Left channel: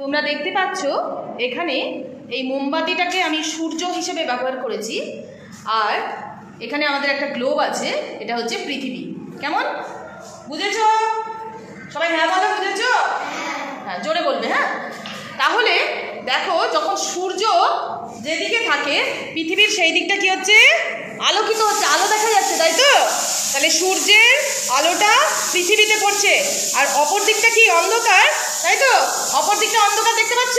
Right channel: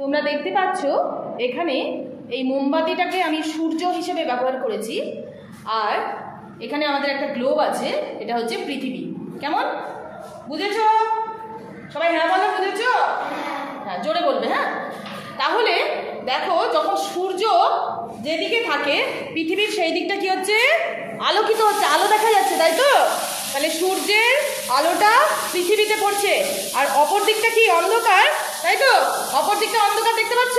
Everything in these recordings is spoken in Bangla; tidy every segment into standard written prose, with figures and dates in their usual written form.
তোমরা দেখতে পাচ্ছ এখানে এই মোমবাতিটাকে আমি সূর্য হিসেবে ব্যবহার করেছি, আর এখানে আমাদের একটা গ্লোব আছে, এটা হচ্ছে পৃথিবী। কেমন বুঝেছো সবাই? হ্যাঁ বলো, বুঝেছো? হ্যাঁ জোরে বলবে। হ্যাঁ, তাহলে দেখো যখন সূর্য যেদিকে থাকে পৃথিবীর সেই দিকটা কি হচ্ছে? আলোকিত হচ্ছে, আলো দেখা যাচ্ছে, তাই তো? তাহলে সূর্যের আলোটা পৃথিবীতে পড়ছে, আর অপর দিকটা কি? অন্ধকার, তাই তো? অপর দিকটা অন্ধকার, দেখতে পাচ্ছ?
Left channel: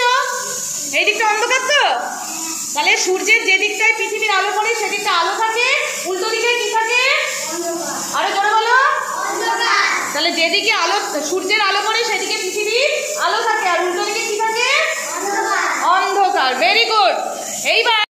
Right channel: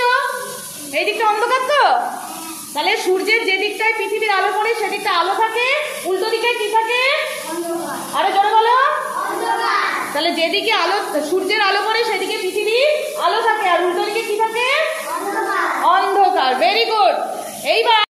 এই দিকটা অন্ধকার তো। তাহলে সূর্যের যে দিকটায় পৃথিবীর আলো পড়ে সেদিকটা আলো থাকে, উল্টো দিকে কি থাকে? আরো জোরে বলো। তাহলে যেদিকে আলো, সূর্যের আলো পড়ে সেদিকে পৃথিবীর আলো থাকে, আর উল্টো দিকে কি থাকে? অন্ধকার। Very good. এইবার